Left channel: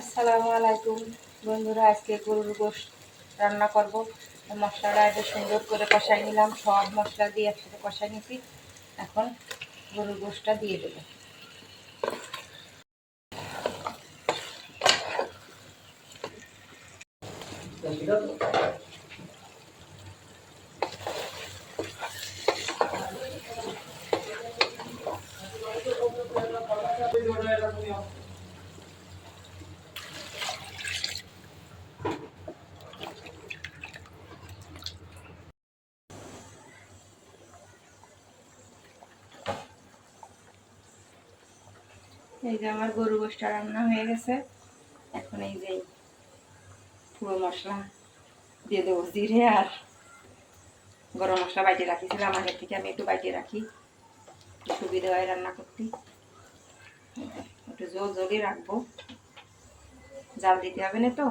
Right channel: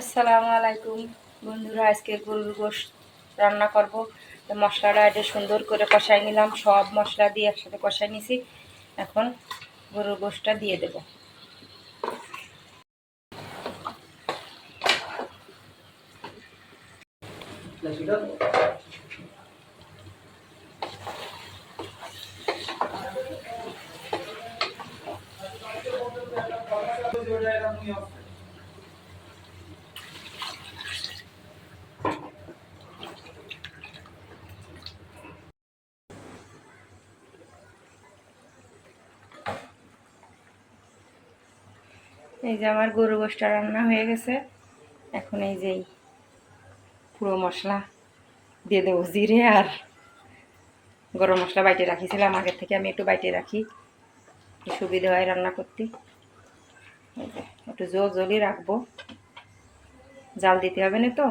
আসসালামু আলাইকুম বন্ধুরা, আজকে গরুর গোশত রান্না করব। তো মশলাটা এটা সুন্দর করে কষাই নিলাম, সব মশলা দিয়ে একসাথে কষাই নিছি। এখন গরুর গোশতটা দিয়ে দেব। এই যে আমার গরুর গোশতটা রান্না হয়ে গেছে। এখন এই যে পুরো মশলা দিয়ে দেবো, জিরে আর গরম মশলা বাইটে রাখিছিলাম আগের থেকে, আমি একটু বাইটে রাখি, সুবিধা হয় রান্না করতে। একটু জল জলই রাখবো, জাল দিতে হবে না তো।